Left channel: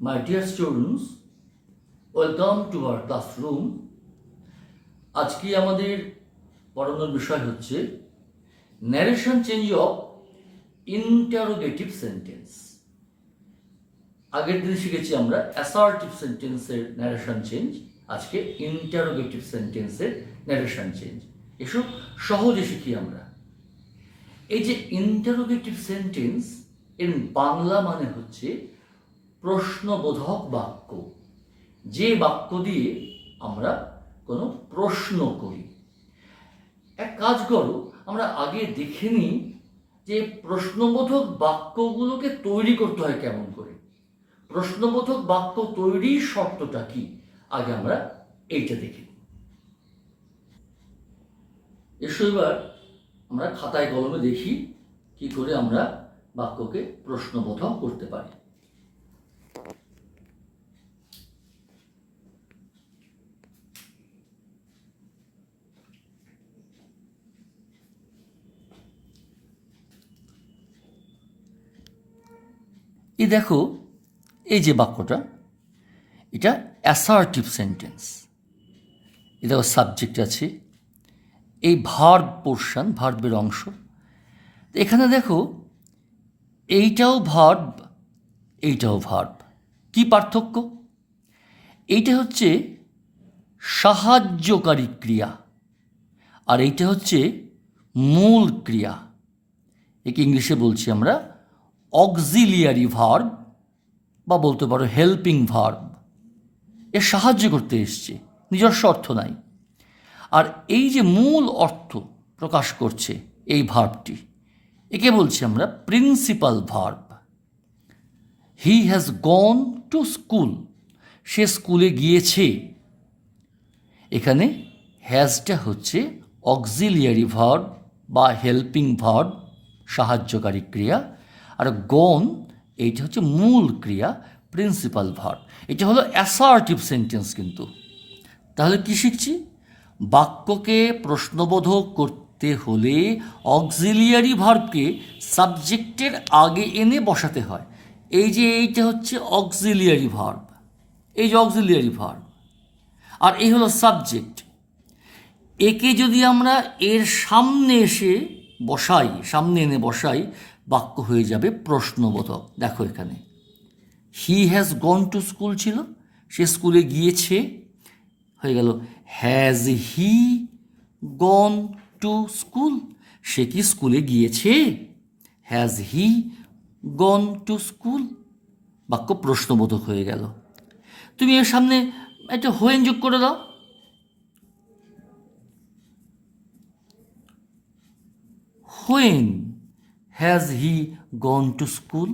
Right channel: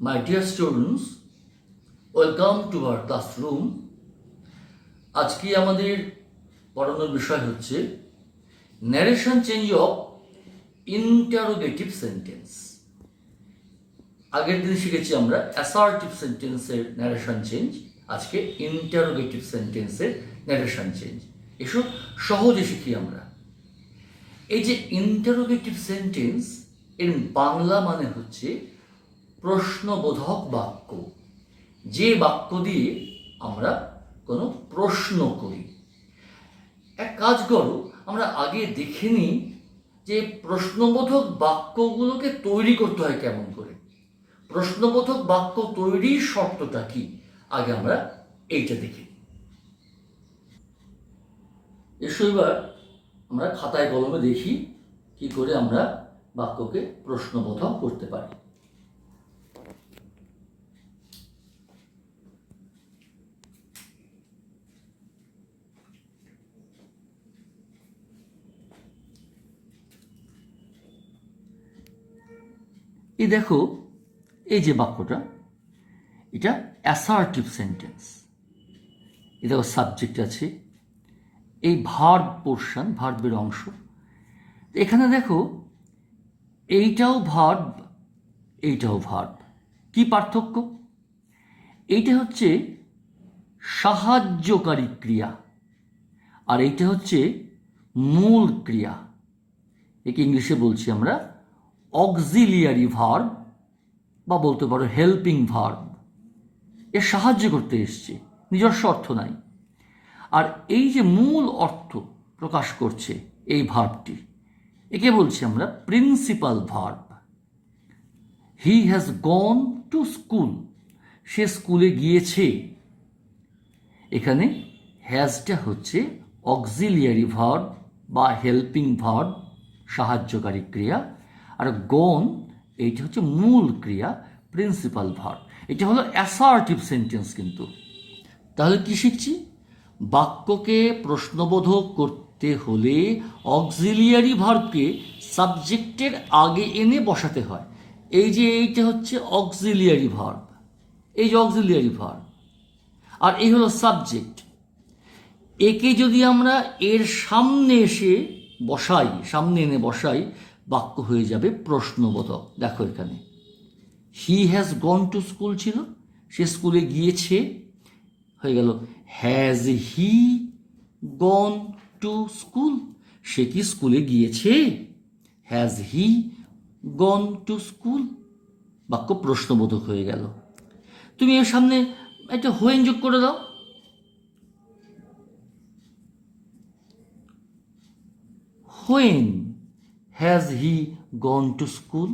My dear students, welcome to our classroom. আজকে আমাদের পড়ানোর বিষয় হচ্ছে narration change of interrogative sentence. আগের দিন শিখেছি আমরা অ্যাসার্টিভ সেন্টেন্সের ন্যারেশন চেঞ্জ, আজকে ইন্টারোগেটিভ সেন্টেন্সের ন্যারেশন চেঞ্জ। এসব সহজে শিখি আমরা। এই যে ইন্টারোগেটিভ সেন্টেন্স এর বাংলা মানে হচ্ছে প্রশ্নবোধক বাক্য, যে বাক্য দিয়ে আমরা কোনো প্রশ্ন করি। এক কাজ করো, আমরা আগে দেখে নিই যে প্রশ্নবোধক বাক্যগুলোকে তৈরি করতে হয় কেমন করে। প্রশ্নবোধক বাক্য তৈরির শর্তটা কি, আগে আমরা এইটা দেখি। এসো এবার আমরা খাতায় কলমে দেখি কি করে আমরা বাক্যকে প্রশ্নবোধক করতে পারি। এই দেখো, এই যে বাক্যটা, এটা অ্যাসার্টিভ সেন্টেন্স। এ দেখো সাবজেক্ট আছে, এই ভার্ব পোর্শন, ভার্বের অংশ। এখানে দেখো এইটাও ভার্ব, এইটাও ভার্ব। কি পার্থক্য? এইটা হচ্ছে সাহায্যকারী ক্রিয়া, আর এইটা হচ্ছে মূল ক্রিয়া। একে ইংলিশে বলছি আমরা অক্সিলিয়ারি ভার্ব, বা বলতে পারো হেল্পিং ভার্ব। এ সাহায্য করতে এসছে, নিজস্ব অর্থ নাই। আর এই যে মূল অর্থ প্রকাশ করছে এই ভার্বটি, একে বলছি আমরা principal verb. He has gone to school, সে স্কুলে গিয়েছে। এখানে হ্যাজটা হচ্ছে অক্সিলিয়ারি ভার্ব বা হেল্পিং ভার্ব, সাহায্যকারী ক্রিয়া, আর গন এইটা হচ্ছে মূল ক্রিয়া, প্রিন্সিপাল ভার্ব। এটা হলো অ্যাসার্টিভ সেন্টেন্স। কিন্তু তাহলে কি শিখছি? বাক্যকে প্রশ্নবোধক করতে হলে অক্সিলিয়ারি ভার্বকে সাবজেক্টের আগে এনে বসাতে হয়। এই যে এইটা হচ্ছে অক্সিলিয়ারি ভার্ব, এই যে অক্সিলিয়ারি ভার্ব, আর এই হলো সাবজেক্ট। একে যদি আমরা এর সামনে এসে বসাই, সামনে এনে বসাই, বাক্য হয়ে যাবে প্রশ্নবোধক। দেখো এখানে he has gone to school ছিল, সে স্কুলে গিয়েছে, হয়ে গেল has he gone to school, সে কি স্কুলে গিয়েছে? Has he gone to school, বাক্য প্রশ্নবোধক হয়ে গেল। তুমি এর সামনে একটা হোয়েন যোগ করে দাও। When has he gone to school,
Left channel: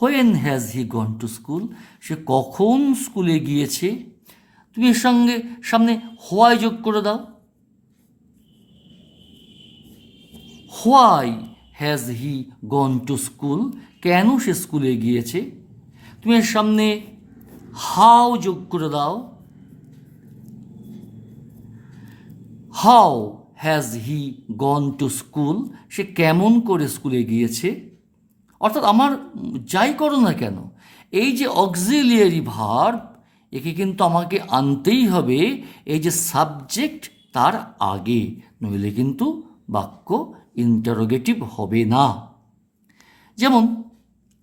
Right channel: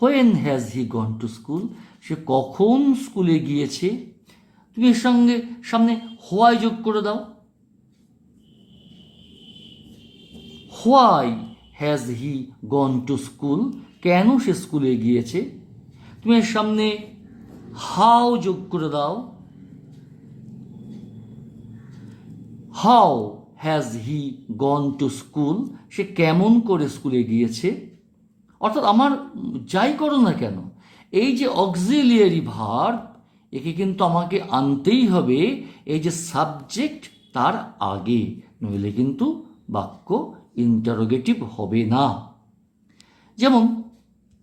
when has he gone to school, সে কখন স্কুলে গিয়েছে। তুমি এর সঙ্গে সামনে হোয়াই যোগ করে দাও। Why has he gone to school, কেন সে স্কুলে গিয়েছে। তুমি এর সামনে হাউ যোগ করে দাও। How has he gone to school, সে কেমন করে স্কুলে গিয়েছে। অর্থাৎ আমার যাই করো না কেন, এই যে অক্সিলিয়ারি ভার্ব, একে কিন্তু আমাকে আনতেই হবে এই যে সাবজেক্ট তার আগে, নইলে কিন্তু বাক্য ইন্টারোগেটিভ হবে না। যেমন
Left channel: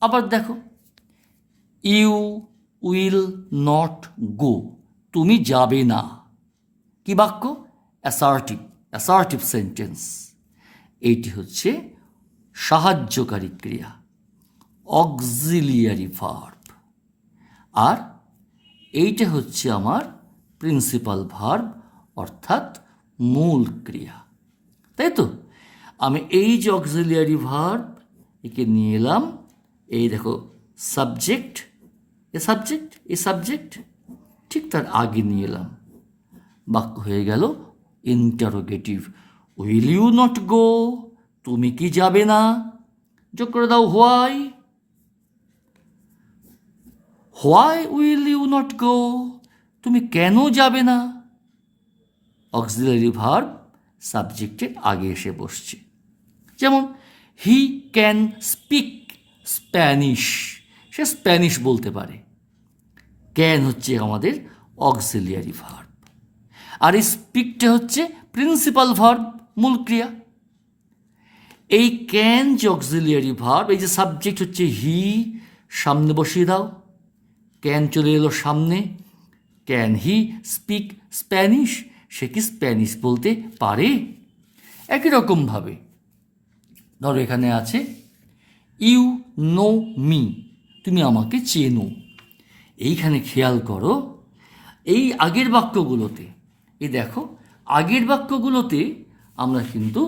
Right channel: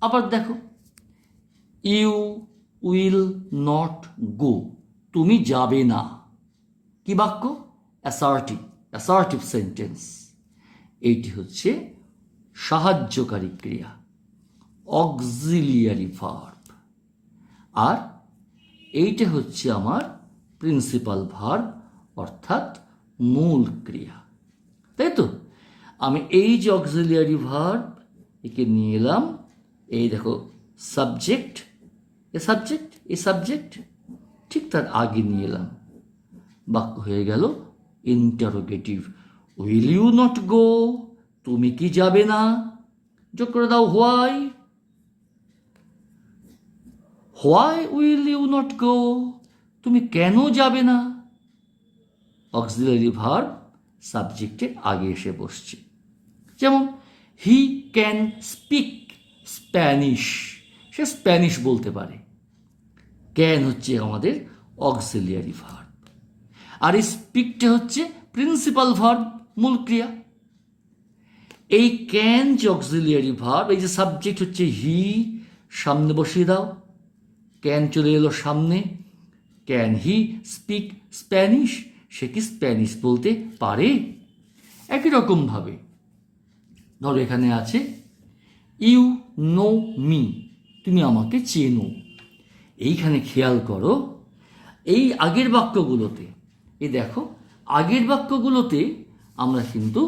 আবার দেখো, ইউ উইল নট গো, তুমি যাবে না। কি বাক্য? Assertive sentence. এইটি হচ্ছে সাহায্যকারী ক্রিয়া, অক্সিলিয়ারি ভার্ব, আর এইটা হচ্ছে আমার প্রিন্সিপাল ভার্ব, অর্থাৎ মূল ক্রিয়া। তাই তো? আমি এই যে অক্সিলিয়ারি ভার্ব, একে নিয়ে এলাম, এই দেখো সাবজেক্ট, এই সাবজেক্ট ঠিক তার আগে নিয়ে এলাম, বাক্য হয়ে গেল interrogative. Will you not go, তুমি কি যাবে না। যোগ করে দাও why, why will you not go, তুমি কেন যাবে না। অক্সিলারি ভার্ব সাবজেক্টের আগে এসে বসছে। যেমন he can speak Spanish, say Spanish বলতে পারে। ক্যান হচ্ছে আমাদের অক্সিলিয়ারি ভার্ব, আর স্পিকটা হচ্ছে প্রিন্সিপাল ভার্ব, মূল ক্রিয়া। এই ক্যান যে অক্সিলিয়ারি ভার্ব, এই যে সাবজেক্ট হচ্ছে হি, সামনে বসিয়ে দাও, ক্যান চলে এলো সামনে। Can he speak Spanish? সে কি স্প্যানিশ বলতে পারে? একই রকমভাবে ধরো এখানে আছে ইউ নো মি, তুমি আমাকে চেনো। এইখানে খেয়াল করো, এই আগের বাক্যগুলোতে, এই দেখো আগের বাক্যগুলোতে আমরা কিন্তু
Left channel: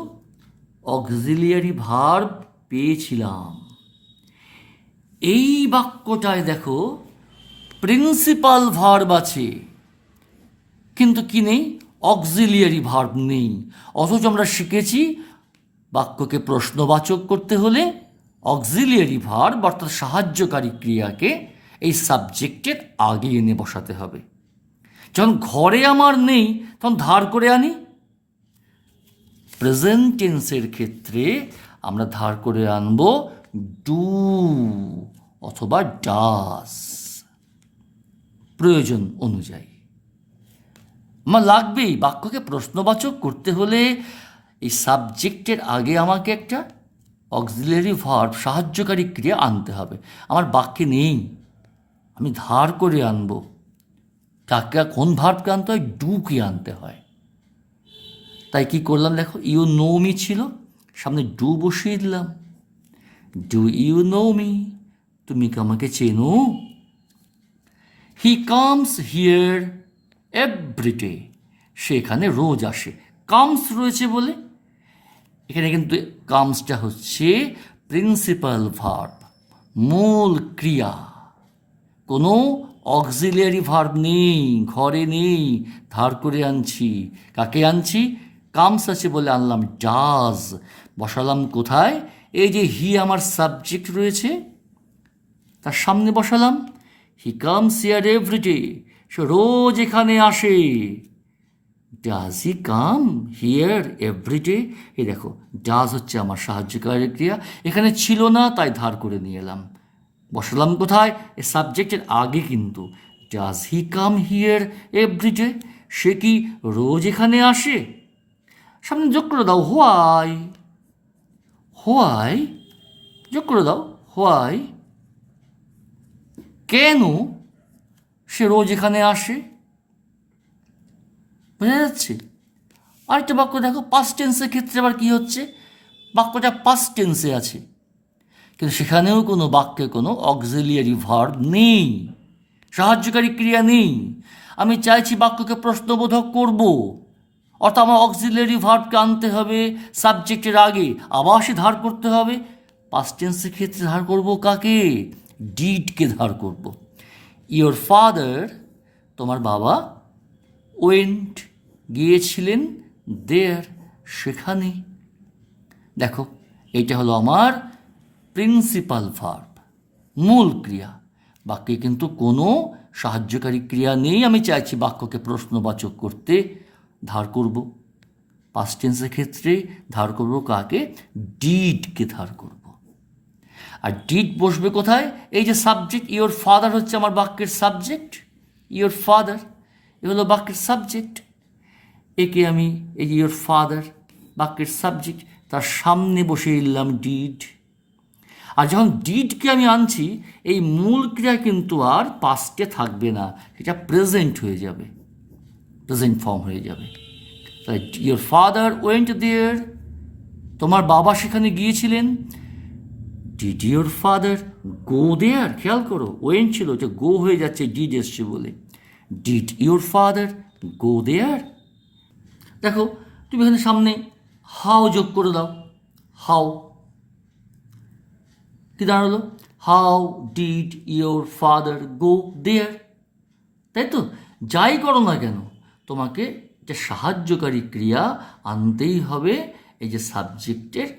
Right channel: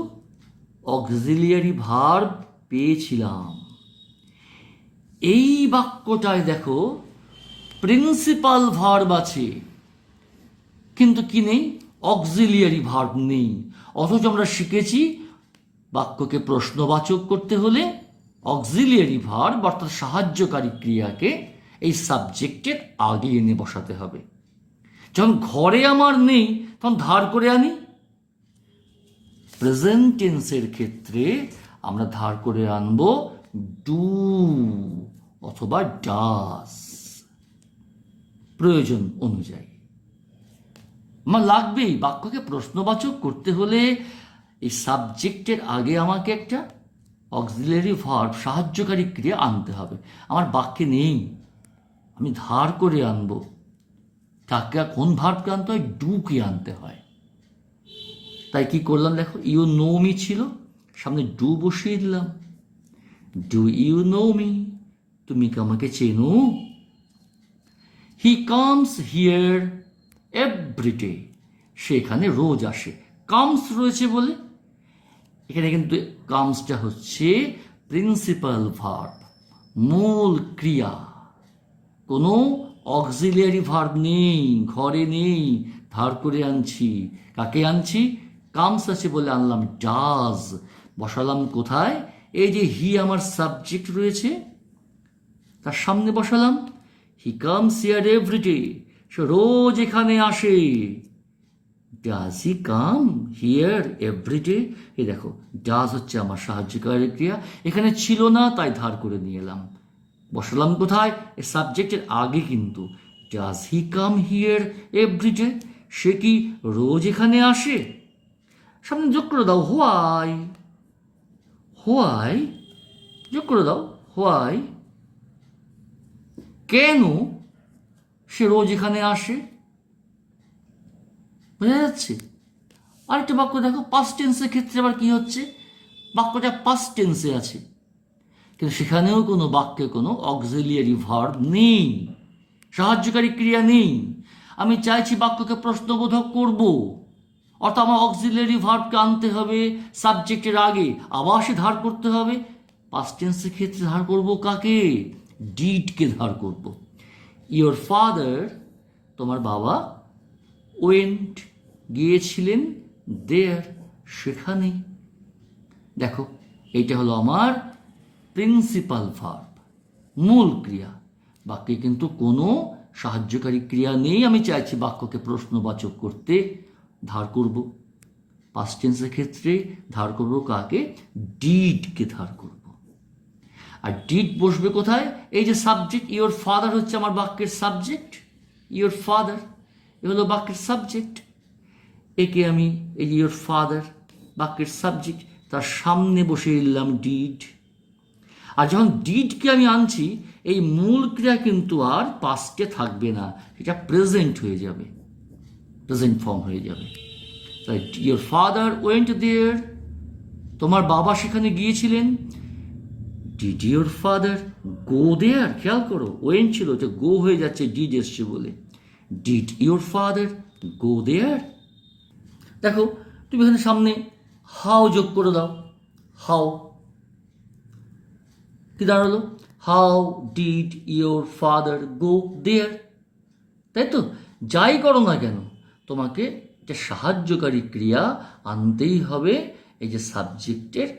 অক্সিলিয়ারি ভার্ব পেয়েছিলাম। এই বাক্যটায় দেখো প্রিন্সিপাল ভার্ব আছে, কিন্তু কি নেই? অক্সিলিয়ারি ভার্ব নেই। অথচ আমরা শিখেছি বাক্যকে প্রশ্নবাচক করতে হলে অক্সিলিয়ারি ভার্ব অর্থাৎ সাহায্যকারী ক্রিয়াকে এই সাবজেক্টের আগে এনে বসাতে হবে। যখন ঘরে আমার নেই তখন ধার করে আনি। প্রেজেন্ট টেন্সের ক্ষেত্রে আমরা ধার করে আনব ডু অথবা ডাস, প্রয়োজন অনুযায়ী। আমার লাগবেই, বাক্যকে প্রশ্নবাচক করতে হলে এই সাবজেক্টের আগে আমাকে একটা অক্সিলিয়ারি ভার্ব সাহায্যকারী ক্রিয়া আনতে হবে। আমার বাক্যে নেই, আমি ধার করে আনব। কাকে, কোন ভার্বকে আনতে হয়? ডুকে আনতে হয়। তাই কি করলাম দেখো, ইউ নো মি ছিল, সামনে ডু বসিয়ে দিলাম। Do you know me? তুমি কি আমাকে চেনো? হি কামস হিয়ার এভরিডে, সেখানে রোজ আসে। কামস রয়েছে বলে এখানে কিন্তু কামসটা হচ্ছে প্রিন্সিপাল ভার্ব, মূল ক্রিয়া। কোনো অক্সিলিয়ারি ভার্ব নেই, ঘরে নেই, ধার করে আনছি। কাকে আনছি? কামস আছে বলে আনলাম ডাজ। বসালাম কোথায়? এই যে হি আমার সাবজেক্ট রয়েছে তার সামনে বসালাম। হি কামস হিয়ার এভরিডে, সে রোজ এখানে আসে। Does he come here everyday? এই দেখো ডাজ হচ্ছে আমার সাহায্যকারী ক্রিয়া, এখানে ছিল না তাই ধার করে নিয়ে এলাম। বসালাম কোথায়? এ সাবজেক্টের আগে কিন্তু। Does he come here everyday? সে কি রোজ এখানে আসে? সামনে যোগ করে দাও হোয়াই। হোয়াই যোগ করে দাও, হোয়াই, কেন সে রোজ এখানে আসে? বোঝা যাচ্ছে? আরেকটা বাক্য দেখো, পাস্ট টেন্সের ক্ষেত্রে আবার কি হচ্ছে? বাক্যটা পাস্ট টেন্সে আছে, কিন্তু সেখানেও কোনো বাক্যে কোনো অক্সিলিয়ারি ভার্ব নেই, সাহায্যকারী ক্রিয়া নেই। আমি চাইছি বাক্যকে প্রশ্নবোধক করব, অর্থাৎ আমার অক্সিলিয়ারি ভার্বকে আনতে হবে সাবজেক্টের আগে, আবার সে ধার করতে হবে। পাস্ট টেন্সের ক্ষেত্রে ধার করব কাকে? ডিডকে ধার করব। ইয়োর ফাদার, তোমার বাবা, ওয়েন্ট গিয়েছিলেন, দেয়ার সেখানে। দেখো এইটা হলো আমার প্রিন্সিপাল ভার্ব, মূল ক্রিয়া। বাক্যে কিন্তু কোনো সাহায্যকারী ক্রিয়া নেই। আমি চাইছি বাক্যকে প্রশ্নবাচক করতে, ধার করব। পাস্ট টেন্সের ক্ষেত্রে ধার করব কাকে? ডিডকে ধার করব। আর ডিড বসবে কোথায়? এই যে সাবজেক্ট, ইয়োর ফাদার হচ্ছে আমার বাক্যের সাবজেক্ট। ইয়োর ফাদার এ হলো বাক্যের সাবজেক্ট। একে আমি, এই যে ইয়োর ফাদার বাক্যের সাবজেক্ট, তার সামনে বসিয়ে দিলাম ডিড। আর যখন ডিডকে আমি আনছি, এই মূল ক্রিয়া কিন্তু আর পাস্টে থাকবে না, সেটা প্রেজেন্ট হয়ে যাবে, প্রেজেন্ট ফর্ম হয়ে যাবে। তাই ইয়োর ফাদার ওয়েন্ট দেয়ার, তোমার বাবা সেখানে গিয়েছিলেন। ডিড ইয়োর ফাদার গো দেয়ার? খেয়াল করো, ওয়েন্ট ছিল, এটা গো হয়ে যাচ্ছে ডিড এসছে বলে। ডিড ইয়োর ফাদার গো দেয়ার? দেখো তুমি এখানে সামনে হাউ যোগ করে দাও। হাউ কি দাঁড়ালো? হাউ ডিড ইয়োর ফাদার গো দেয়ার? তাই তো? যাই করো না কেন তোমাকে এটা সাহায্যকারী ক্রিয়া আনতেই হবে এই যে সাবজেক্টের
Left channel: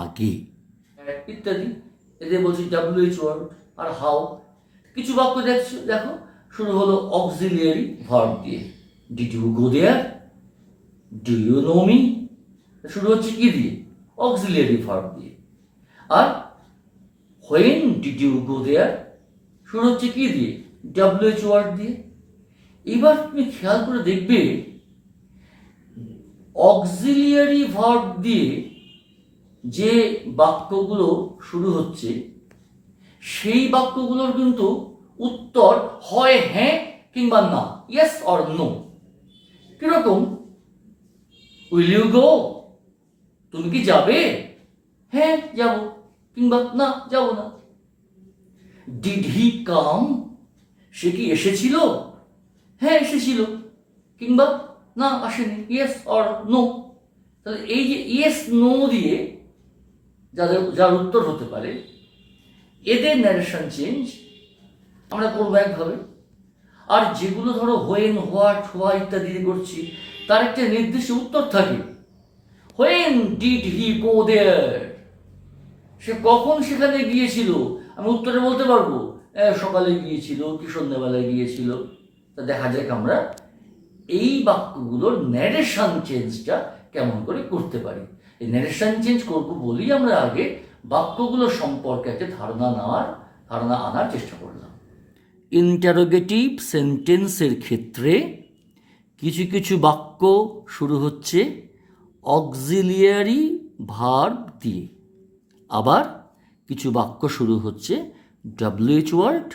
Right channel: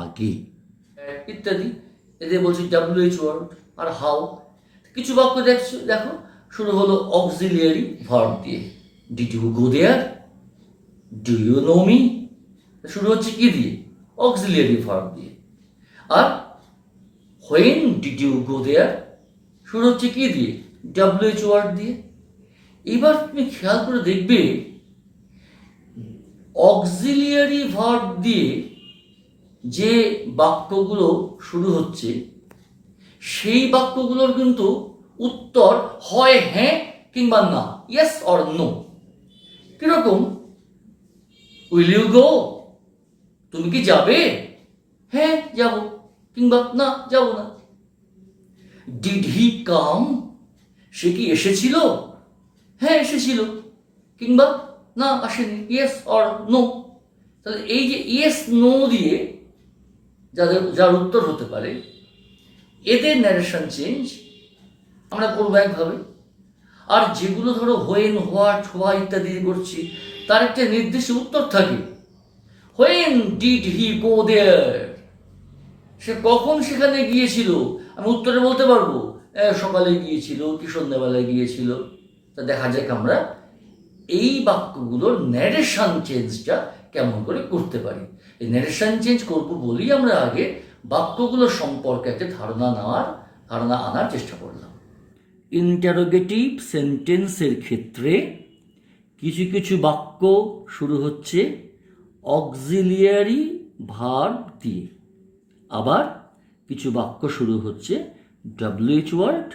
আগে, ইত্যাদি। এদের বলছি WH ওয়ার্ড আর হাউ। কিছু বাক্য দেখো শুরু হলো অক্সিলিয়ারি ভার্ব দিয়ে। Did you go there? Do you know me? শুরু হচ্ছে কি দিয়ে? অক্সিলিয়ারি ভার্ব দিয়ে। আর when did you go there? শুরু হচ্ছে কি দিয়ে? WH ওয়ার্ড দিয়ে। এবার তুমি খেয়াল করে দেখবে অক্সিলিয়ারি ভার্ব দিয়ে যে বাক্যগুলো শুরু হচ্ছে সেই বাক্যগুলোর কিন্তু উত্তর হয় হ্যাঁ কিংবা না, ইয়েস অর নো। কিরকম? Will you go? তুমি কি যাবে? হ্যাঁ যাব, কিংবা না যাব না। ডিড হি কাম? সে কি এসেছিল? হ্যাঁ এসেছিল, কিংবা না আসেনি, ইয়েস অর নো। তাহলে এই যে ইয়েস নো দিয়ে যার উত্তর হতে পারে, এদের ন্যারেশন চেঞ্জ আমরা করবো একভাবে। আর যেগুলো ধরো হোয়েন, হোয়াট, হোয়া ইত্যাদি করছি, তার একটা নির্দিষ্ট উত্তর থাকে। হোয়েন ডিড হি গো দেয়ার? সে কখন সেখানে গিয়েছিল? আমি উত্তরে বলতে পারবো সকালে গিয়েছিল কি সন্ধ্যাবেলায় গিয়েছিল। তা দেখা যাক আমরা এই বাক্যগুলোর ন্যারেশন চেঞ্জটা কেমন করে করতে পারি। এই ন্যারেশন চেঞ্জ করবো বলেই আমরা আগে বাক্যগুলো সম্পর্কে একটা ধারণা আনার চেষ্টা করলাম। ইন্টারোগেটিভ সেন্টেন্সের ক্ষেত্রে কিছু কিছু বাক্য শুরু হচ্ছে অক্সিলিয়ারি ভার্ব দিয়ে, আবার কিছু বাক্য শুরু হচ্ছে WH ওয়ার্ড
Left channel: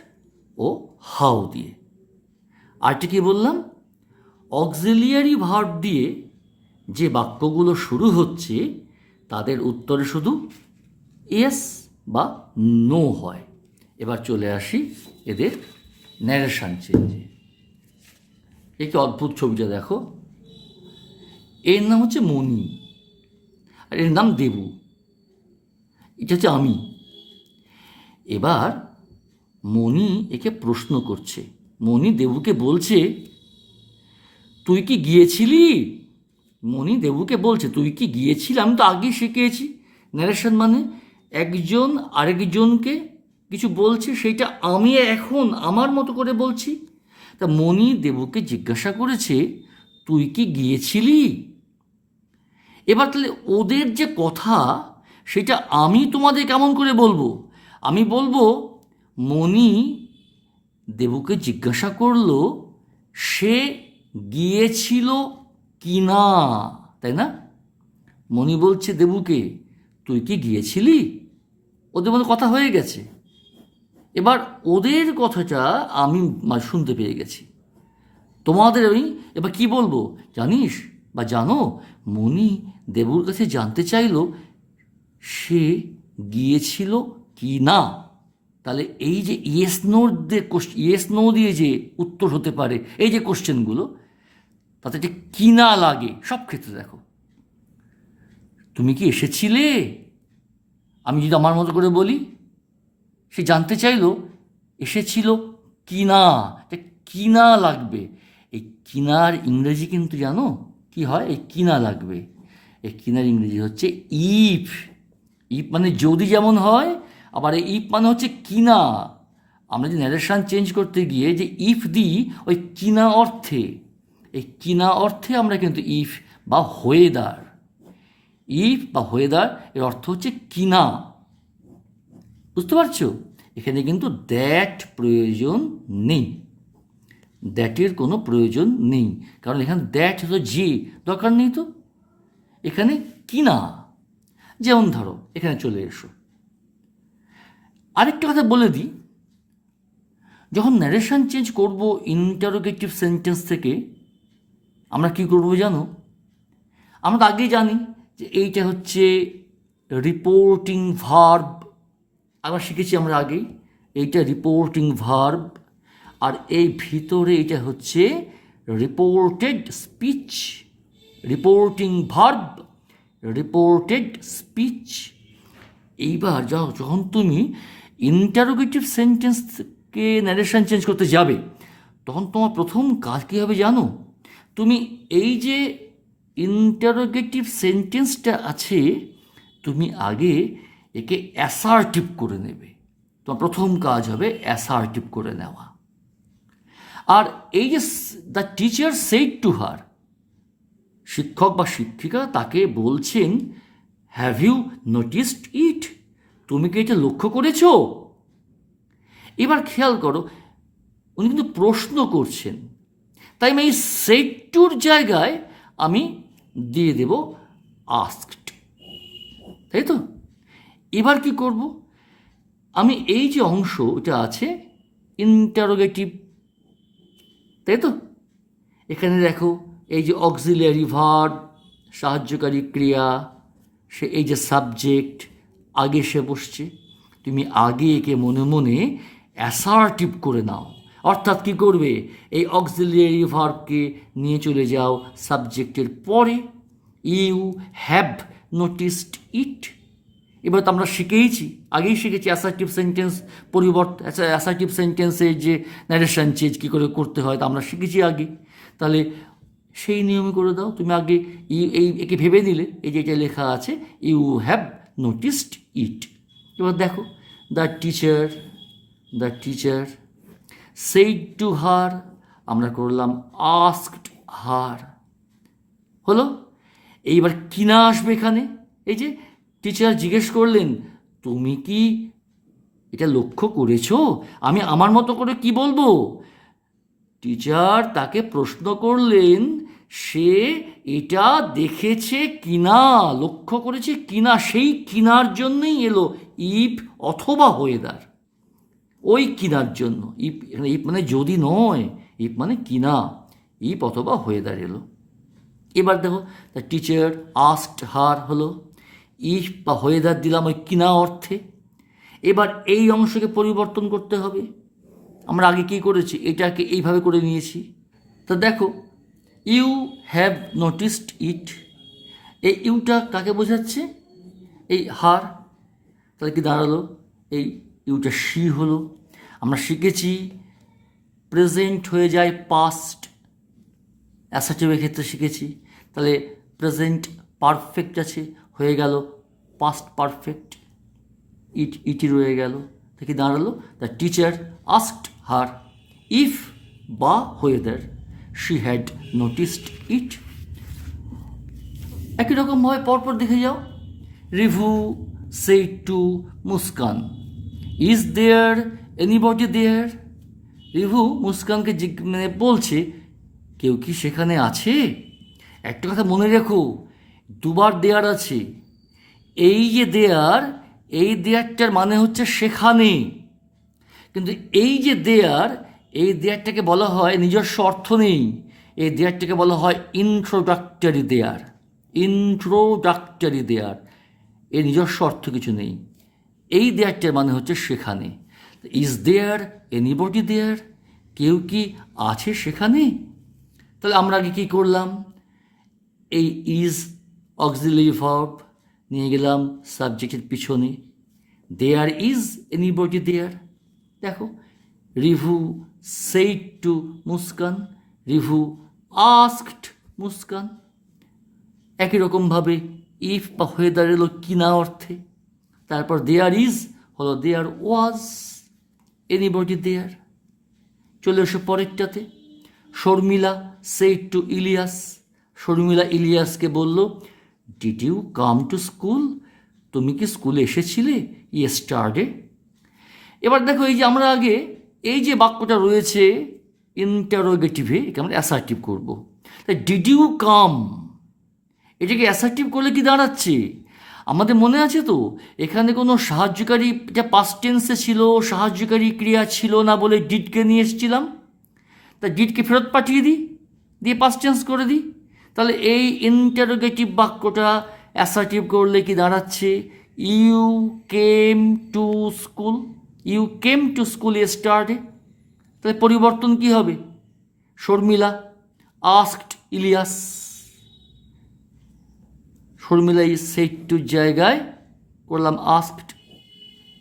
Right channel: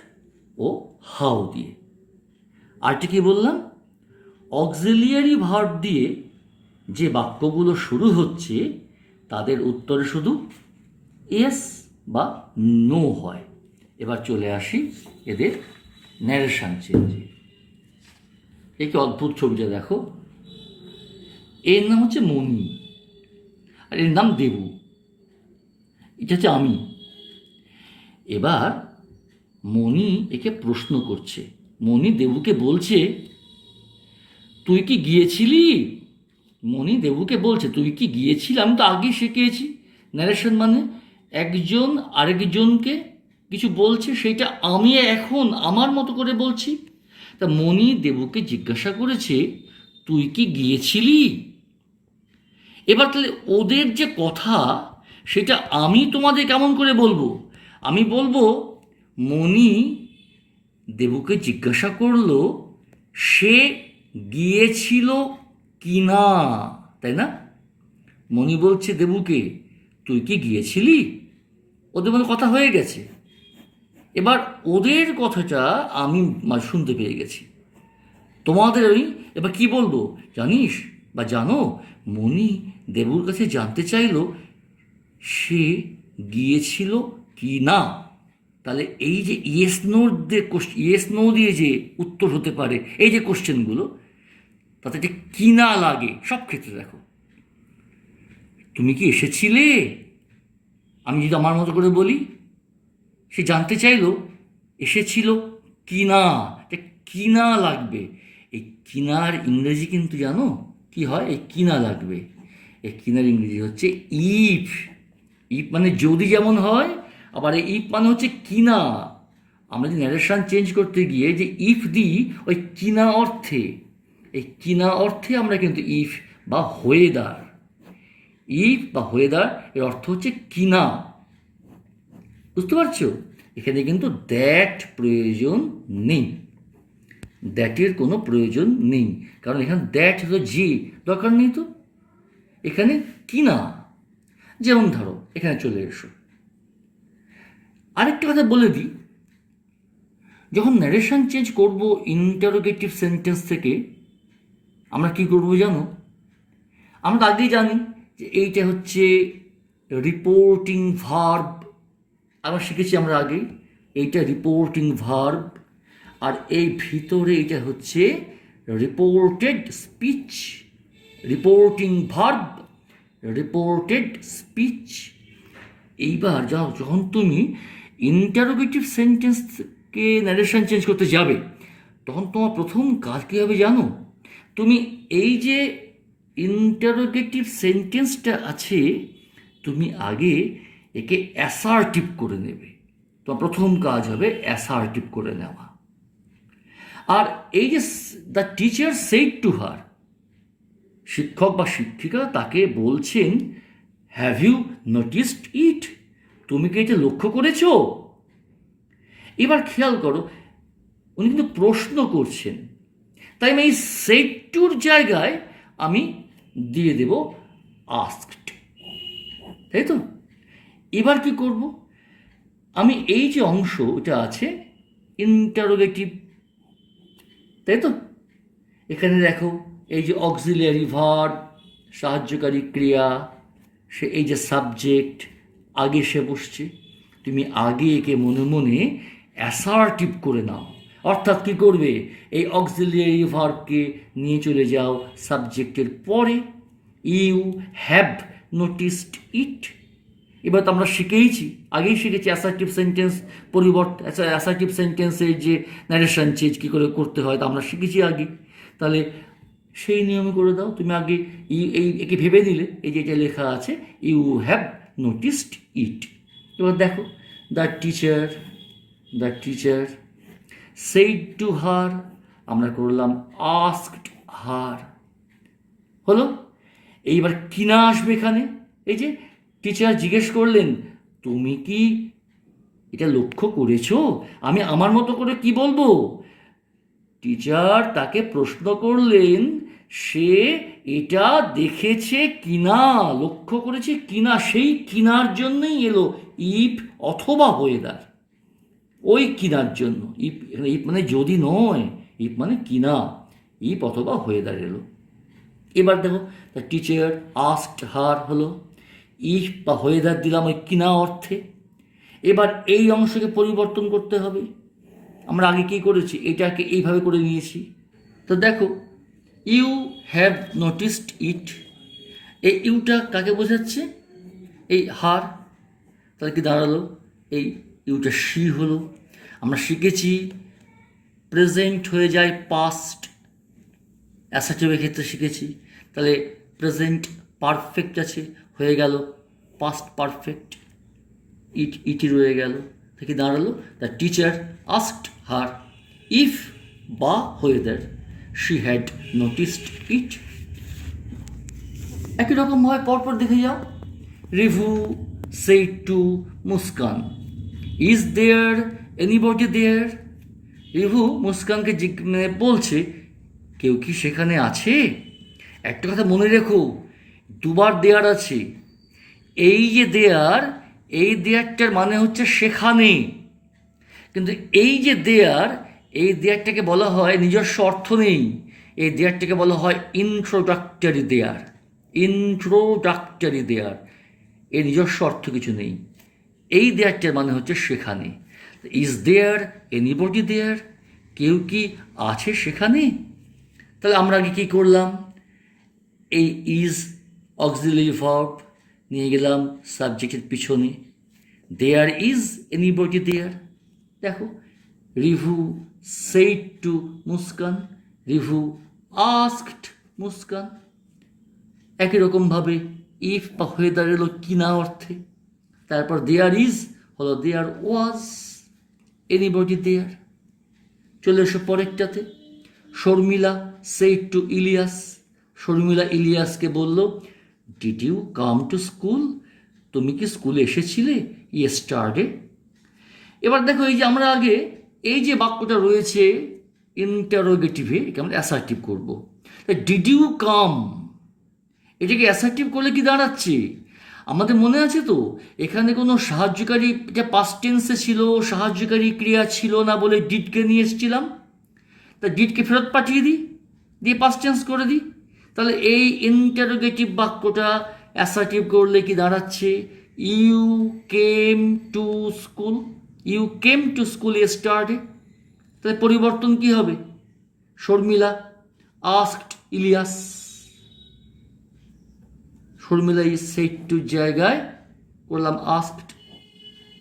ও হাউ দিয়ে। আরটি কি বললাম? অক্সিলিয়ারি ভার্ব দিয়ে যে বাক্যগুলো শুরু হচ্ছে তাদের উত্তরে শুধু এস বা নো হয়। এবার চলে আসি এদের ন্যারেশন চেঞ্জে। এই কি অদ্ভুত ছবিটা দেখো। এর নাম হচ্ছে মণি, আর এর নাম দেবু। এটা হচ্ছে আমি। এবার মণি একে প্রশ্ন করছে। মণি দেবুকে বলছে, তুই কি গিয়েছিলি? মণি দেবুকে বলছে, তুই কি গিয়েছিলি? আমি তো আগেই শিখিয়েছি। ন্যারেশন মানে একজন আরেকজনকে কিছু বলছে, সেইটা আমি এখন আমার মতো করে বলছি। তা মণি দেবুকে জিজ্ঞাসা করেছে, তুই কি গিয়েছিলি? এবার তাহলে ওদের যে কথা সেটা আমি তোমাদের কেমন করে বলবো? আমি বলবো, মণি দেবুকে জিজ্ঞাসা করলো সে গিয়েছিল কি না, তাই না? মণি বলছে দেবুকে, তুই কি গিয়েছিলি? ওদের মধ্যে কথা হয়ে গেছে। এবার ওদের কথাটা আমি শুনতে পেয়ে গেছি। তোমাদের ওই এবার কি বলবো জানিস বা জানো, মণি দেবুর কাছে জানতে চাইলো সে গিয়েছিল কি না। তাহলে এই যে ইয়েস নো দিয়ে যে উত্তর হতে পারে, এই যে কোশ্চেনগুলো, তাতে যে কি না লাগে সব ক্ষেত্রে দেখো। তুমি কি এসেছিলে? আমি যদি আমার মতো করে বলি, সে জানতে চাইলো এসেছিল কি না, কি না লাগবে। এই কিনার ইংরেজি কিন্তু জানো কি হয়? এই কিনা লাগবে, এই কিনার ইংরেজি হচ্ছে ইফ। ইফ মানে যদি যেমন হয়, আবার এই ইফ মানে হচ্ছে কিনা। আমরা যে ন্যারেশন চেঞ্জ করতে গিয়ে যে ইফ দিই, ওই কিনা অর্থে, এই কিনা অর্থে আমরা কিন্তু ইফ বা ওয়েদার, ইফ বা ওয়েদার এর অর্থ হচ্ছে কিনা। বুঝতে পারছো? এখানে কিন্তু দ্যাট প্রয়োজন নেই, দ্যাটের কোনো প্রয়োজন নেই, কারণ এখানে দ্যাট হলো যে দরকার নেই। তো এখানে কিনা। যেমন ধরো এখানে চলে এসো, আরেকটা কথা বলে দিই, যখন ন্যারেশন চেঞ্জ করব ইন্টারোগেটিভ সেন্টেন্স থেকে, আমরা কি করব জানো? আমরা আগেই জানি যে এইটা হচ্ছে রিপোর্টিং ভার্ব। আবার শিখেছি আমরা আগেই, এইটা রিপোর্টিং ভার্ব, আর এই ভিতরে এটা হচ্ছে reported speech. Reporting verb, reported speech. এইবার যখন তুমি ইন্টারোগেটিভ সেন্টেন্সকে ন্যারেশন চেঞ্জ করতে যাবে, তখন তোমার প্রথম কাজ কী হবে জানো? তুমি এই যে ইন্টারোগেটিভ সেন্টেন্সটা আছে, তুমি আগে একে অ্যাসার্টিভ করে নেবে। তোমার প্রথম কাজ হবে অ্যাসার্টিভ করে নেওয়া। আর এই যে দ্য টিচার সেড টু হার, শিক্ষক বা শিক্ষিকা তাকে বলছেন, হ্যাভ ইউ নোটিসড ইট? তুমি কি এটা লক্ষ্য করেছো? এবার খেয়াল করো, উনি কিন্তু প্রশ্ন করছেন, তাই আমি এই সেড টুর জায়গায় আমি দিয়ে দেব আস্কড, তাই তো? এবার কি করব, আমি এই যে অংশ এটা আছে ইন্টারোগেটিভ, তাই তো? এখানে দেখো এই যে অক্সিলিয়ারি ভার্ব, সাহায্যকারী ক্রিয়া, সে এই যে সাবজেক্ট আগে সে বসছে, তুমি আগে একে মনে মনে অ্যাসার্টিভ করে নাও। অর্থাৎ কি করবে, এই অক্সিলিয়ারি ভার্বকে নিয়ে চলে যাও সাবজেক্টের পরে, ইউ হ্যাভ নোটিসড ইট। এবার তো আমরা শিখেইছি, আগেই শিখেছি অ্যাসার্টিভ সেন্টেন্স পরিবর্তন, অ্যাসার্টিভ সেন্টেন্সের যে ন্যারেশন চেঞ্জ কী করে করতে হয় তা আমরা শিখেছি আগে। তাহলে সেই নিয়মে করে দাও, তুমি আগে একে ভেবে নিলে, এই যে এটা লেখা আছে ইউ হ্যাভ নোটিসড ইট। এবার দেখো, the teacher said to her, আমরা করলাম আস্কড হার, হলো। এইবার কিনা আসবে এখানে, এই যে টিচার জিজ্ঞেস করলেন তুমি কি এটা লক্ষ্য করেছো, আমি আমার মতো করে কি বলবো? টিচার তাকে প্রশ্ন করলেন সে এটা দেখেছে কিনা, লক্ষ্য করেছে কিনা, সেই কিনার জন্যই এলো ইফ অথবা ওয়েদার, ওই কিনার জন্য। ইফ ইফ মানে যদি নয়, ইফ মানে কিনা, ইফ অথবা ওয়েদার এলো। এবার দেখো, দ্য টিচার আস্কড হার হলো, ইফ বা ওয়েদার দিলাম ওই কিনা অর্থে। এবার এই অংশকে পরিবর্তন করতে হবে। আমরা আগে কী করেছি, এটাকে এইভাবে করে নিয়েছি। তো দেখো, ইউ হ্যাভ নোটিসড ইট, এই ইউটা কাকে বোঝাচ্ছে, এই হার, তাহলে কি দাঁড়ালো, এই ইউটা শি হলো। আমরা শিখেছি প্রেজেন্ট হয়ে যায় পাস্ট, অ্যাসার্টিভের ক্ষেত্রে শিখেছি। তাহলে প্রেজেন্ট পারফেক্ট আছে, হয়ে গেল পাস্ট পারফেক্ট, ইটি রয়ে গেল, থেকে দাঁড়ালো the teacher asked her if বা whether she had noticed it. একই রকমভাবে পরপর দেখে যাও, Rivu said to Muskan, is there anybody there. Rivu মুস্কানকে মানে বলছে কেউ কি সেখানে আছে? একটা কথা মনে রেখো, দুবার দেয়ার আছে। এই যে দেয়ার, এই দেয়ারটার মানে হচ্ছে সেখানে, কিন্তু এই যে দেয়ার, এই দেয়ারটাকে বলা হয় নিজস্ব অর্থ নেই, এই দেয়ারটাকে বলা হয় ইন্ট্রোডাক্টরি দেয়ার, ইন্ট্রোডাক্টরি দেয়ার, এর নিজস্ব অর্থ কিছু নেই। এই দেয়ারটার মানে হচ্ছে সেখানে। ইজ দেয়ার এনিবডি দেয়ার, কেউ কি আছে সেখানে? তাহলে আমরা আগে কী করলাম, এই ইজ অক্সিলিয়ারি ভার্ব নিয়ে গেলাম সাবজেক্টের পিছনে, দেয়ার ইজ এনিবডি দেয়ার। দেখো, review said to Muskan, review asked Muskan. একই রকমভাবে ইফ বা ওয়েদার এলো কিনা অর্থে, তারপর দেয়ার ইজ হলো দেয়ার ওয়াজ এনিবডি দেয়ার। চলে এসো পরেরটাতে, শর্মিলা সেইড টু ইলিয়াস, শর্মিলা ইলিয়াসকে বলল did you come to school, তুমি কি স্কুলে এসেছিলে ইয়েস্টারডে। এবার দেখো, এই যে আমরা আগে এই যে বাক্যটা রয়েছে ইন্টারোগেটিভে, একে আমরা অ্যাসার্টিভ করবো। ডিড ইউ কাম, এটাকে অ্যাসার্টিভ করলে কি দাঁড়াচ্ছে, আমাদের মনে আছে তো এখানে কোনো সাহায্যকারী, এটা পাস্ট টেন্সে ছিল, সাহায্যকারী ক্রিয়া ছিল না বলে ডিডকে নিয়ে এসেছিলাম, তা ডিডকে ফেরত পাঠিয়ে দিই, দিয়ে পাস্ট টেন্স করে দিই। তাহলে এই ইন্টারোগেটিভ বাক্যটা অ্যাসার্টিভ করলে কি দাঁড়াচ্ছে, you came to school, you came to school yesterday. তাহলে পরিবর্তন কি হবে, Sharmila asked Ilias, Sharmila is said টুর জায়গায় করলাম আস্কড,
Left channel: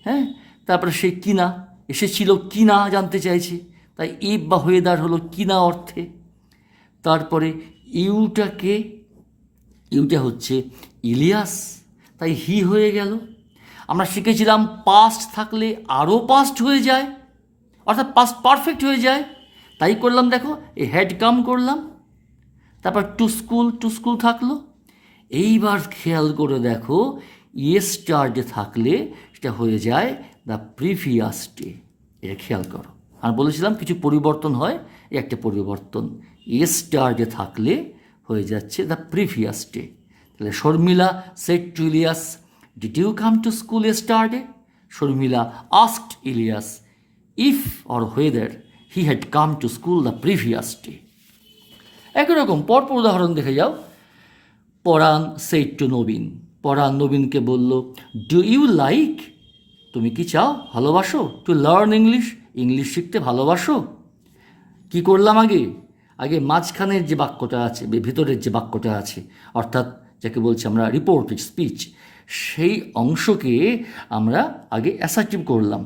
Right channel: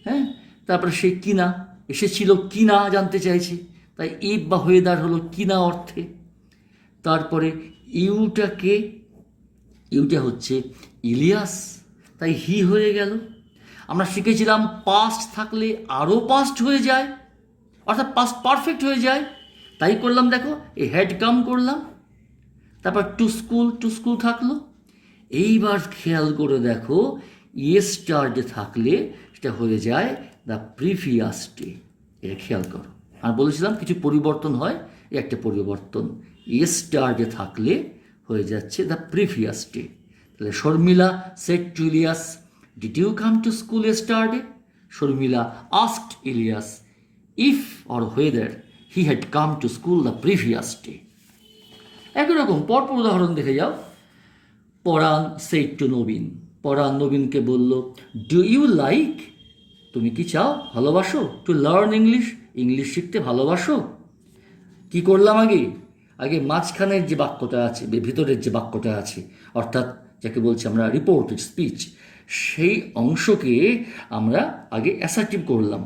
হ্যাঁ। তারপরে সে কিনা এসেছিল, কিনা জানতে চাইছে, তাই ইফ বা ওয়েদার হলো কিনা অর্থে। তারপরে ইউটাকে, ইউটা হচ্ছে ইলিয়াস, তাই হি হয়ে গেল। আমরা শিখেছিলাম পাস্ট থাকলে আরও পাস্ট হয়ে যায়, অর্থাৎ পাস্ট পারফেক্ট হয়ে যায়, তাই করলাম। দেখো, এই হ্যাড কাম করলাম, তারপর টু স্কুল থাকলো। এইবার খেয়াল করে দেখো, ইয়েস্টারডে থাকলে সেটা হয়ে যায় দ্য প্রিভিয়াস ডে, এটা খেয়াল করো। আর বলেছিলাম কিছু পরিবর্তন হয়, এই একটা পরিবর্তন ইয়েস্টারডে থাকলে হয়ে যাচ্ছে দ্য প্রিভিয়াস ডে। তাহলে Sharmila said to Ilias, did you come to school yesterday? Sharmila asked Ilias if or whether he had come to school the previous day. একই রকম পরপর উদাহরণ দেখে যাও। পরাণ সেড টু নবীন, পরাণ নবীনকে বলল, ডু ইউ লাইক, তুমি কি চাও, ভালোবাসো, টু লার্ন ইংলিশ, ইংলিশ শিখতে ভালোবাসো? কি করলাম আগে? আগে মাঝখানের যে বাক্যটা আছে, ভিতরের যে বাক্যটা আছে, অর্থাৎ যাকে বলছি আমরা রিপোর্টেড স্পিচ, সেই অংশকে আমরা আগে অ্যাসার্টিভ করলাম।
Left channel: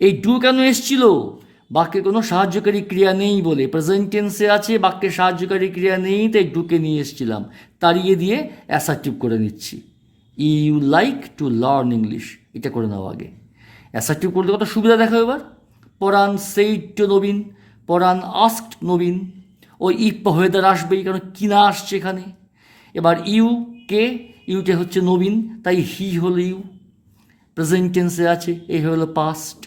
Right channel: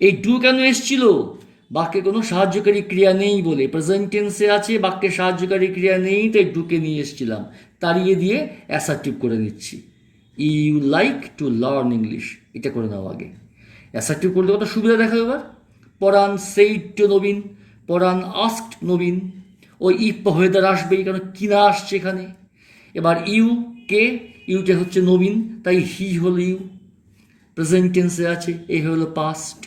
এই ডু কেন এসছিল? বাক্যে কোনো সাহায্যকারী ক্রিয়া নেই বলে, প্রেজেন্ট টেন্সে আছে, বাক্যে সাহায্যকারী ক্রিয়া নেই, তাই ডুকে নিয়ে এসেছিলাম, তাড়িয়ে দিয়ে অ্যাসার্টিভ করে নিচ্ছি। You like to learn English, এটা করে নাও আগে। অ্যাসার্টিভ করতে কত সুবিধা দেখো এবার। Paran said to Nabin, Paran asked Nabin, ওই ইফ ওয়েদার আসবেই, কারণ কিনা আসছে এখানে। এবার ইউ কে, ইউটা হচ্ছে নবীন, তাই হি হলো ইউ, প্রেজেন্ট টেন্সে আছে, এই হলো পাস্ট,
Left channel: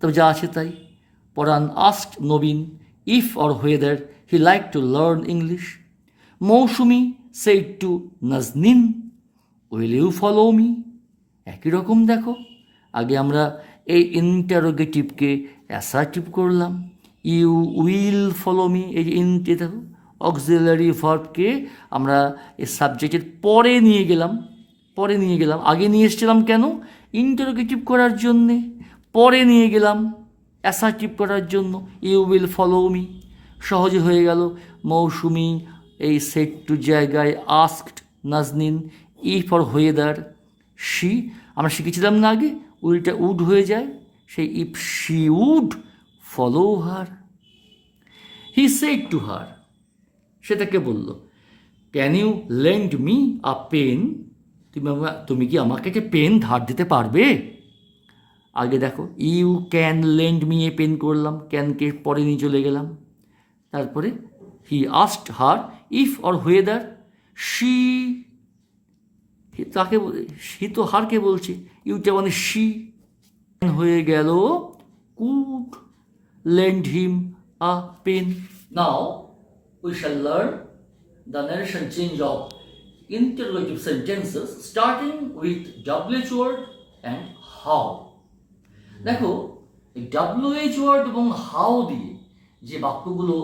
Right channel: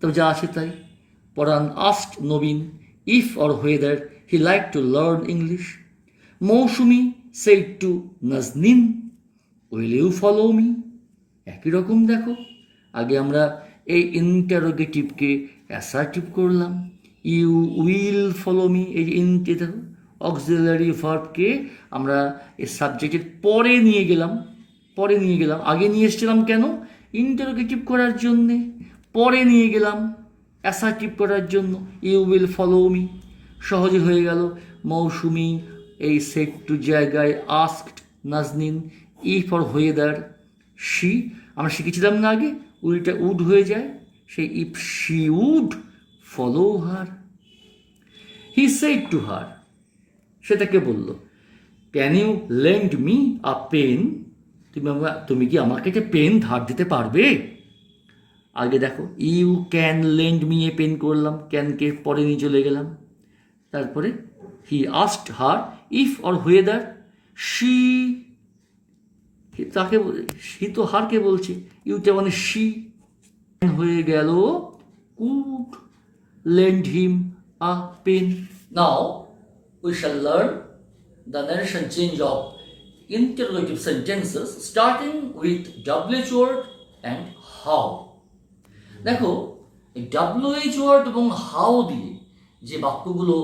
তবে যা আছে তাই। Paran asked Nabin if or whether he like to learn English. Mousumi said to Nazneen, will you follow me. একই রকম দেখো, আগে আমরা এই ইন্টারোগেটিভকে অ্যাসার্টিভ করলাম, ইউ উইল ফলো মি, এই যে ইনটে দেখো অক্সিলারি ভার্বকে আমরা এই সাবজেক্টের পরে নিয়ে গেলাম, আগে নিয়ে এসেছিলাম কেন? ইন্টারোগেটিভ করার জন্যে, পরে নিয়ে গেলাম অ্যাসার্টিভ করার জন্য, ইউ উইল ফলো মি, সহজে হয়ে গেল। মৌসুমি এই সেট টু জায়গায় asked Nazneen, if or whether she, আমরা শিখেছিলাম না আগে, উইলটা উড হয়ে যায়, সেই if she would follow her. He said to her, সেটাকে বলল, can you lend me a pen, তুমি কি আমাকে যে পেন ধার দিতে পারবে? আগে দেখো you can lend me a pen করলাম, ক্যানকে পরে নিয়ে চলে গেলাম। তারপরে he asked her if or whether she, তাকে সে তো হারকে বলছে, ইউটা মানে শি হয়ে গেল could lend him a pen. Now we shall learn the narration change of interrogative sentences starting with WH word and how. দেখো এই WH word এবং how দিয়ে যে বাক্যগুলো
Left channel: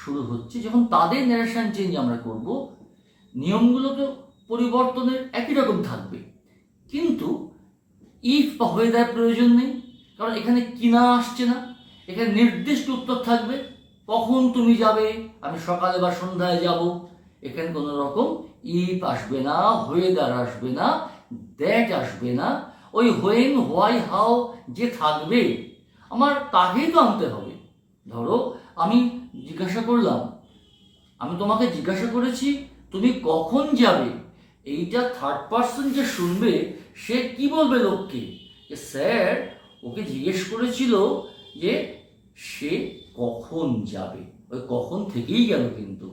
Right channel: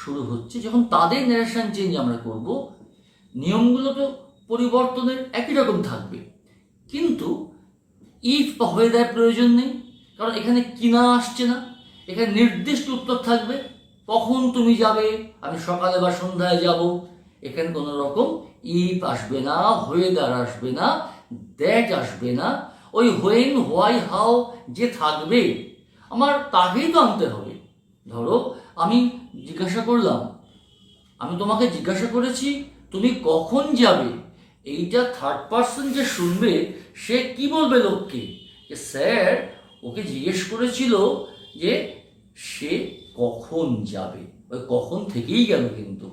শুরু হচ্ছে, যখন তাদের ন্যারেশন চেঞ্জ আমরা করব, নিয়মগুলো তো পরিবর্তনের একই রকম থাকবে, কিন্তু ইফ বা হয়ে দেওয়ার প্রয়োজন নেই, কারণ এখানে কিনা আসছে না, এখানে নির্দিষ্ট উত্তর থাকবে, কখন তুমি যাবে, আমি সকালে বা সন্ধ্যায় যাব, এখানে কোনো রকম ইফ আসবে না, ওয়েদার আসবে না, দ্যাট আসবে না, ওই হোয়েন হোয়াই হাউ যে থাকবে আমার তাকেই তো আনতে হবে। ধরো আমি জিজ্ঞাসা করলাম, আমি তোমাকে জিজ্ঞাসা করেছি তুমি কখন যাবে, এইটা থার্ড পার্সন যে শুনবে সে কি বলবে লোককে, যে স্যার ওকে জিজ্ঞেস করেছিল যে সে কখন যাবে, ওই কখন থেকেই গেল, কিন্তু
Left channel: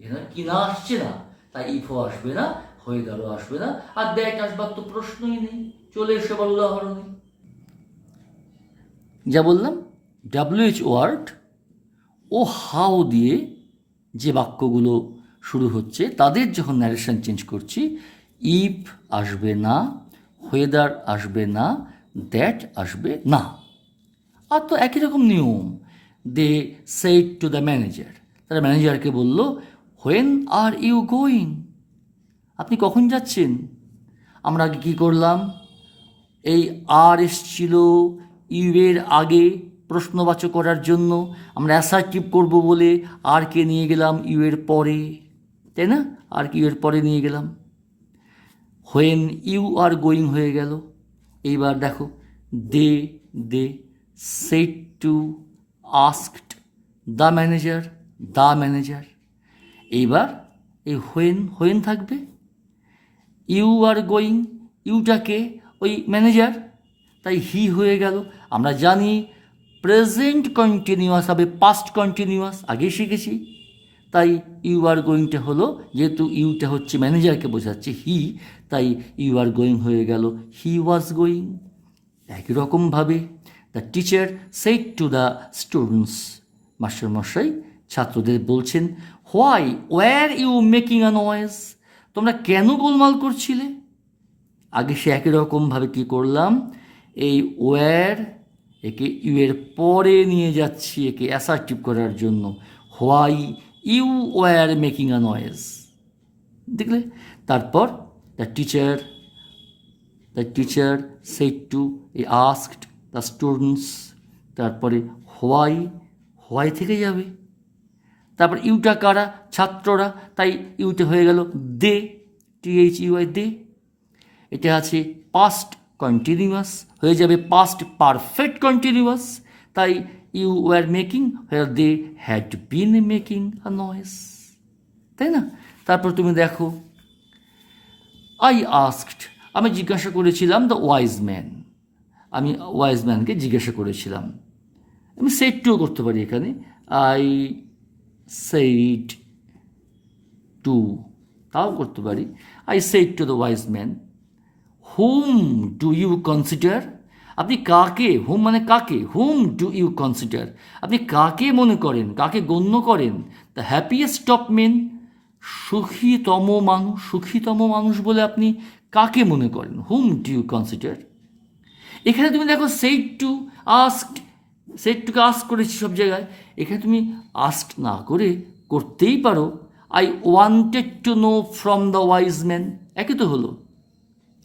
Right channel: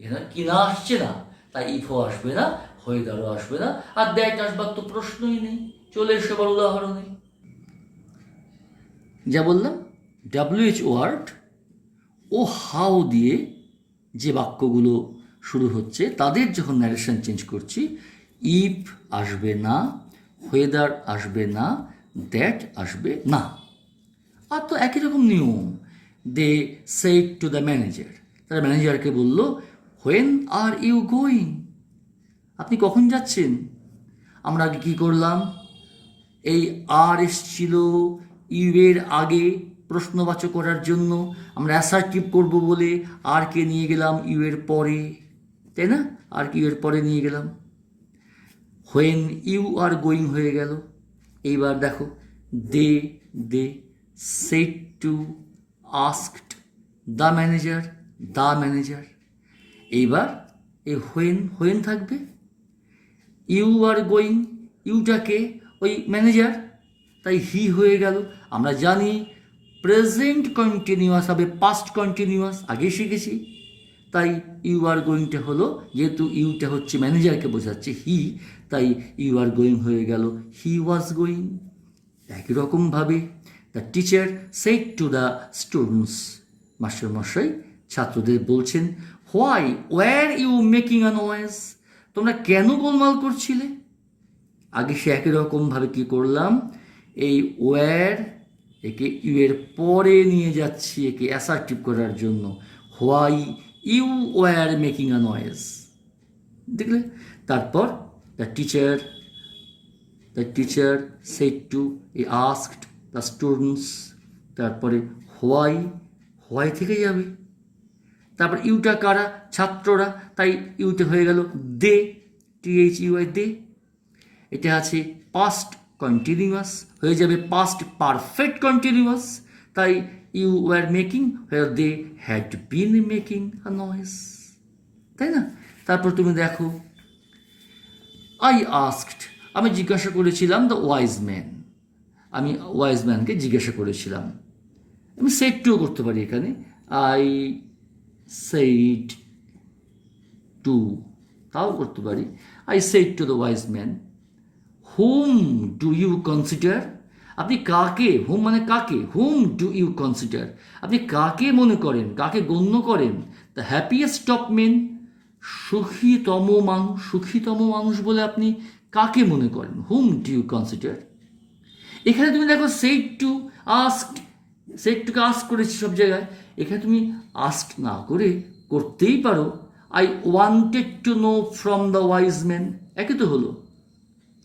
এখানে কিনা আসছে না, তাই ইফও আসবে না, ওয়েদারও আসবে না, আর দ্যাট আসবার তো প্রশ্নই নেই। চলে এসে আবার উদাহরণে যা বললাম, WH ওয়ার্ড ও হাউ দিয়ে যে বাক্যগুলো শুরু হচ্ছে তাদের যখন ন্যারেশন চেঞ্জ করছি, ইফ আসবে না, ওয়েদার আসবে না, দ্যাট আসবে না। আর তো একই রকম নিয়ম, they said to the manager, তারা ম্যানেজারকে বলল, হোয়েন আর ইউ গোয়িং, আপনি কখন যাচ্ছেন? আমরা আগে কী করলাম, এই আর এসছিল ইউ এর আগে প্রশ্নবাচক করার জন্য, আমরা অ্যাসার্টিভ করব বলে আর কে নিয়ে গেলাম ইউ এর পরে, তাই না? আর কি ইউ এর পরে নিয়ে গেলাম, হোয়েন ইউ আর গোয়িং হয়ে গেল। এইবার দেখো they said to asked the manager, এইবার এই হোয়েন থাকবে, ইউ আর গোয়িং, ইউটাকে ওই ম্যানেজার, তাই হি হয়ে গেল। আমরা জানি প্রেজেন্ট কন্টিনিউয়াস হবে পাস্ট কন্টিনিউয়াস, আগে শিখেছি, তাই ইউ আর গোয়িংটা হলো, যেহেতু ইউটা হচ্ছে ম্যানেজারকে বোঝাচ্ছে হি, তাই ইউ আর গোয়িং হয়ে গেল হি ওয়াজ গোয়িং। একই রকমভাবে the teacher said to the students, মাস্টারমশাই ছাত্রদের বলছেন, why were you making a noise, তোমরা কেন গোলমাল করছিলে? আগে সে একই রকমভাবে কী করলাম, এই ওয়ার একে ইউ এর পরে নিয়ে যাচ্ছি একে অ্যাসার্টিভ করার জন্য, why you were making a noise, দেখলে? তারপর দ্য টিচার সেড টু, এ আস্কড দ্য স্টুডেন্টস, তারপরে হোয়াই থেকে যাবে, তারপর ইউটা কারা? ছাত্ররা, তাই ইউটা হয়ে গেল দে, THEY দে। এটা আছে পাস্ট কন্টিনিউয়াস, হয়ে যাবে পাস্ট পারফেক্ট কন্টিনিউয়াস, তাই you were making where they had been making a noise, তাই না? তারপর তুমি দেখো, আই আস্কড, আমি জিজ্ঞাসা করেছিলাম দ্য ওয়াইজ ম্যান, আমি ওয়াইজ ম্যানকে জিজ্ঞাসা করেছিলাম। আমি সেড টুও করতে পারি এখানে, আই সেড টু, তাও করতে পারি। I said to the wise man, whom do you consider, আপনি কাকে, হুম মানে কাকে, হুম ডু ইউ কনসিডার, আপনি কাকে মনে করেন, কাকে গণ্য করেন, দ্য হ্যাপিয়েস্ট অফ মেন, সুখীতম মানুষ বলে আপনি কাকে মনে করেন, হুম ডু ইউ কনসিডার। এখানে তুমি দেখো সেড টু, আস্কড, সেড টুকে আস্ক করেছি সব জায়গায়, এখানে তুমি আস্ক না করে করতেই পারো, I wanted to know from the wise man, একই তো হলো।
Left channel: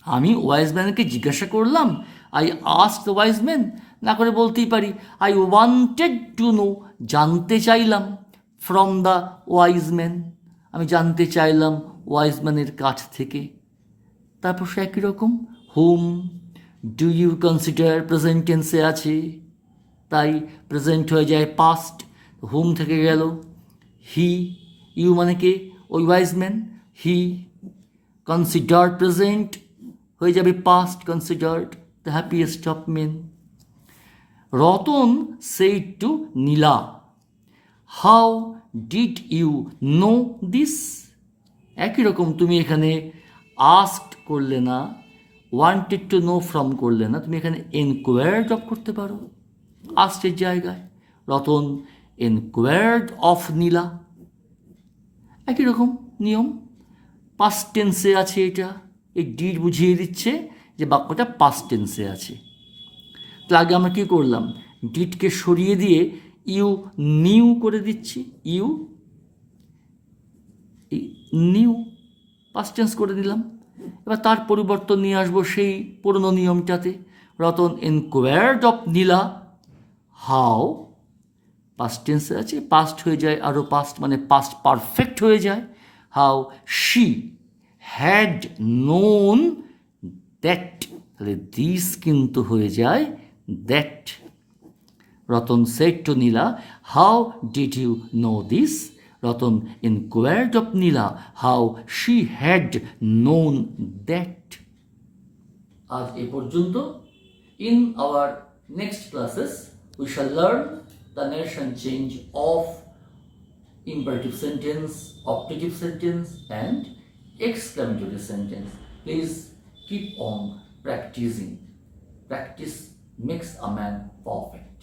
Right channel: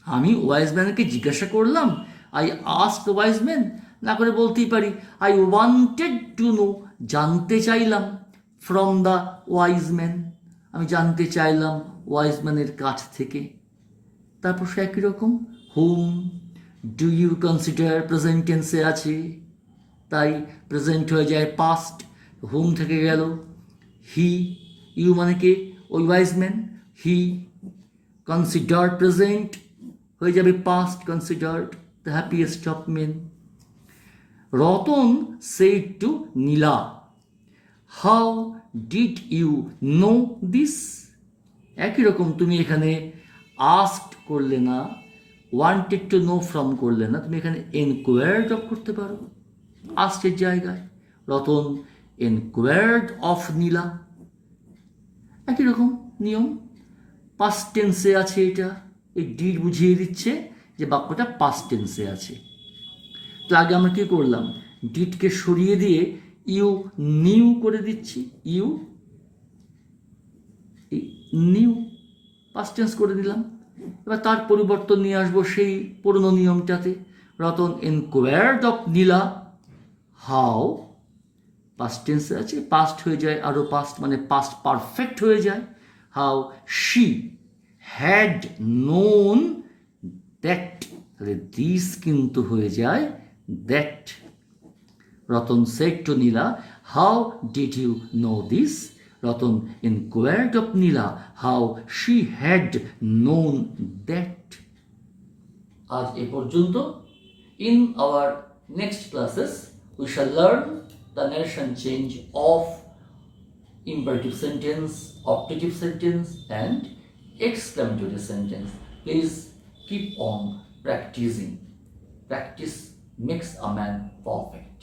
আমি ওয়াইজ ম্যানকে জিজ্ঞাসা করলাম, I ask the wise man, না করে বলতেই পারি আই ওয়ান্টেড টু নো, জানতে চাইলাম, ফ্রম দ্য ওয়াইজ ম্যান, আমি জানতে চাইলাম ওয়াইজ ম্যানের কাছ থেকে। তারপর সে একই রকম, হুম ডু ইউ কনসিডার প্রেজেন্ট টেন্সে আছে, তাই প্রেজেন্ট হয়ে যায় পাস্ট, হুম থেকে গেল হি, ইউ মানে কে, ওই wise man, he considered present হয়ে যাবে past, considered the happiest of men. Ratan said to Nila, how did you know this, একই রকম তুমি এখানে আস্কড করলে না, ওয়ান্টেড টু নো ফ্রম করলে না, তুমি এখানে এনকোয়ার্ড অফ করতে পারো আস্কের জায়গায়, রতন এনকোয়ার্ড অফ নীলা, একই রকম নিয়ম। পাস্ট টেন্সে আছে এটা, এই ডিড বুঝিয়ে দিচ্ছে যে বাক্যটা পাস্ট টেন্সে আছে। তো আগে আমরা কী করলাম, ডিডকে সরিয়ে দিয়ে ইউ নিউ করে দিচ্ছি, ইউ নিউ পাস্ট টেন্স করে দিলাম। এবার তার পরিবর্তন নিয়ে আসবো সেই পুরনো নিয়মটাতে, Ratan enquired of Nila, how, past টেন্সে আছে, পাস্ট হয়ে যায় আরও পাস্ট মানে পাস্ট পারফেক্ট হয়ে যায়, how she had known that, তাহলে দিস কিন্তু হয়ে যায় that. Ratan said to Nila, how did you know this, Ratan inquired of Nila how she had known that. আজ এ পর্যন্ত। In our next classes we shall learn the narration change of imperative sentence, optative sentence and exclamatory sentence. Please keep on practicing. Practice makes a man perfect.